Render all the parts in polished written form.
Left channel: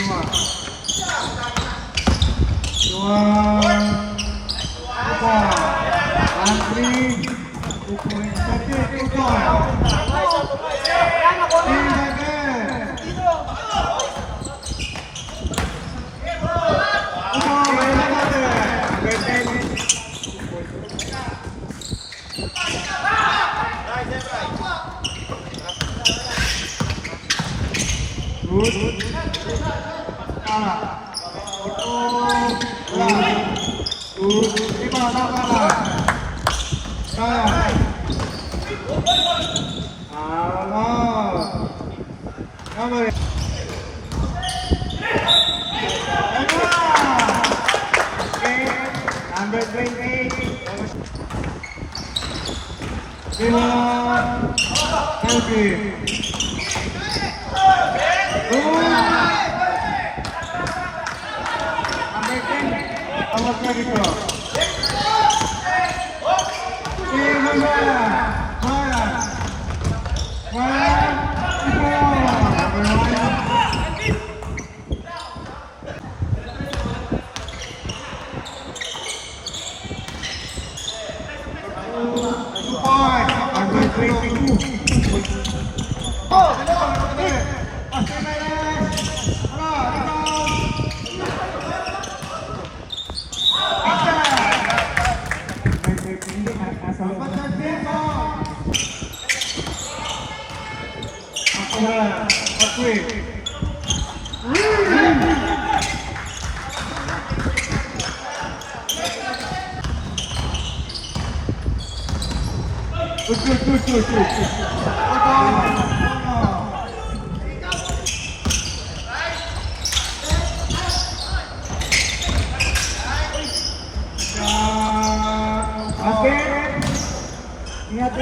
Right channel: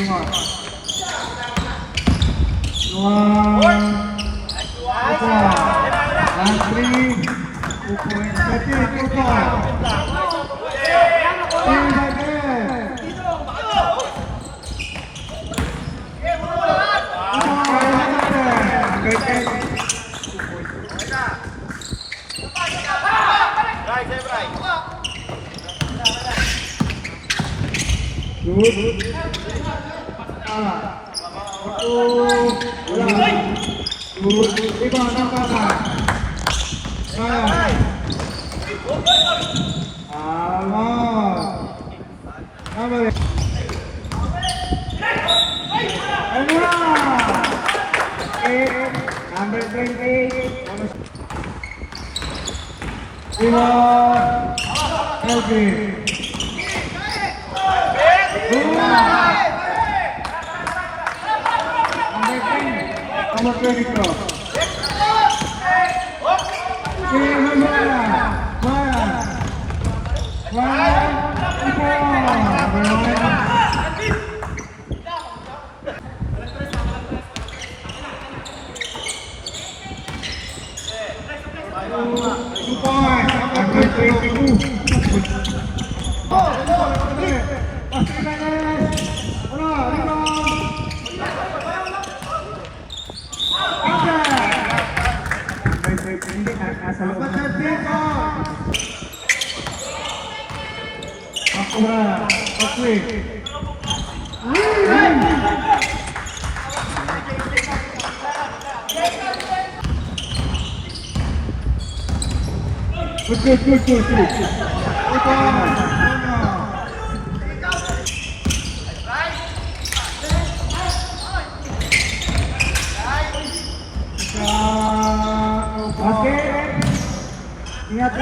Dua. Upo. Antri. Upo yang cantik. Upo. Good. Kalah. Betul. Good. Tiba nak kalah. Kalah. Amal. Number. Number 20. Tiba. Elvin. Nomor 22. Good. Ingat.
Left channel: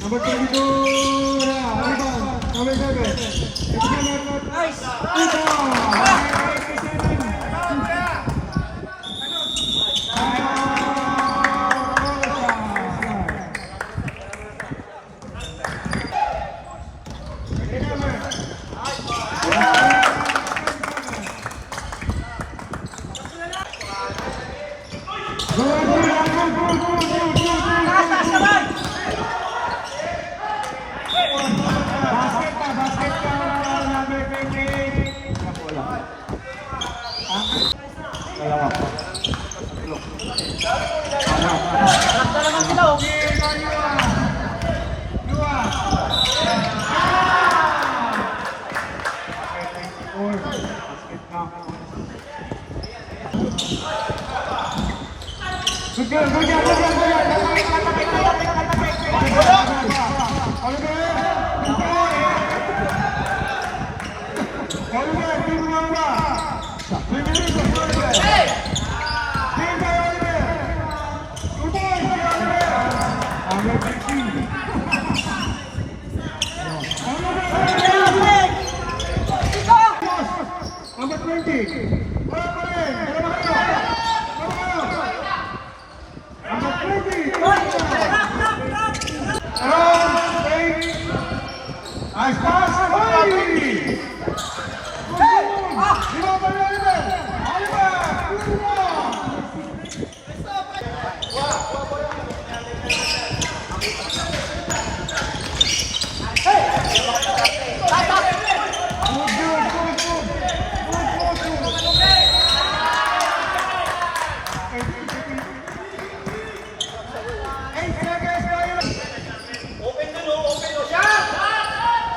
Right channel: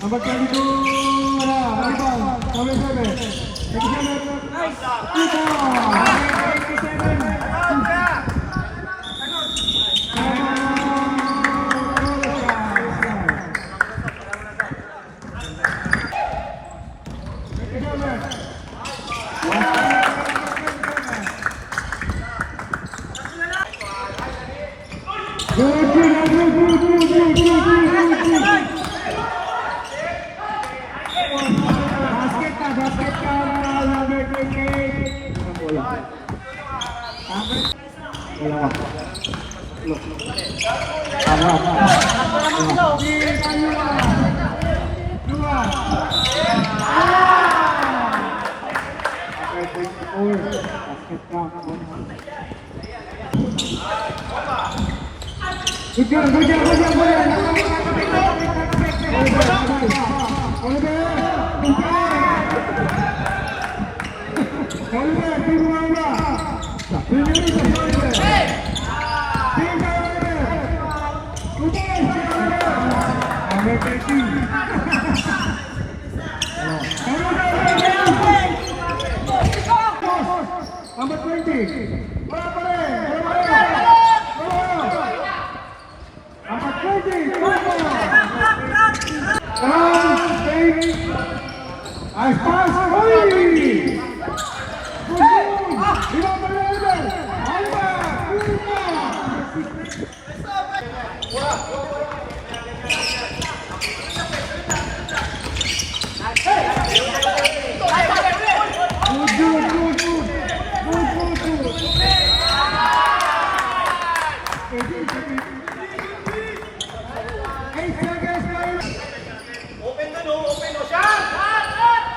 Number 22, rebound, number 7. Nice. Basket Good job, good job, good job, good job. Oliver, Number 20. Wala pa rin. Number 20. As fast as Hoy!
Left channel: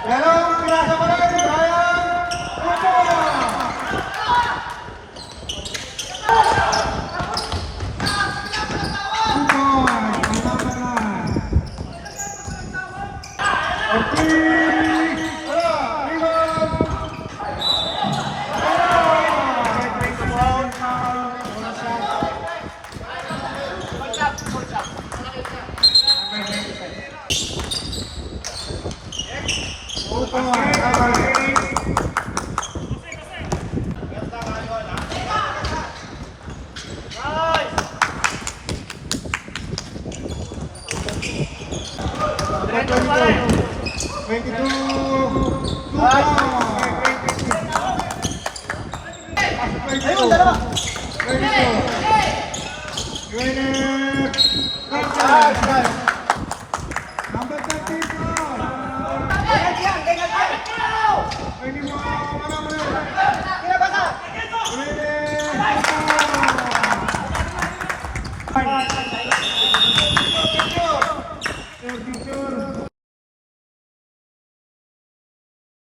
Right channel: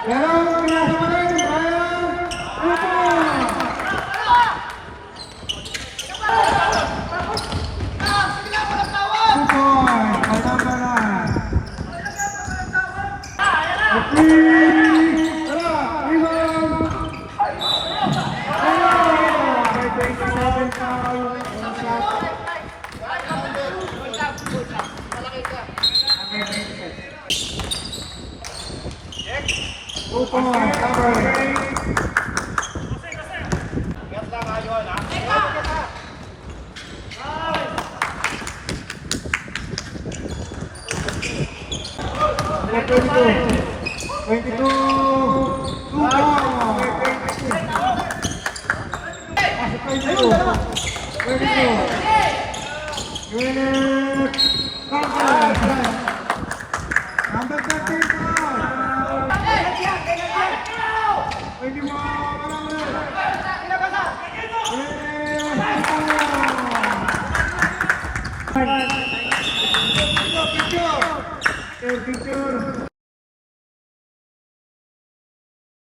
Pero, pinasa pa rin, Brian! Upo! Upo! Kalma ka na! Okay! Tara! Iwan! May 27 foul. One shot. Upo! Cover! Number 22. 22. Luka. Pasok 22. 22. Winner. Kanka. Number 34. 21. Ano mo yun?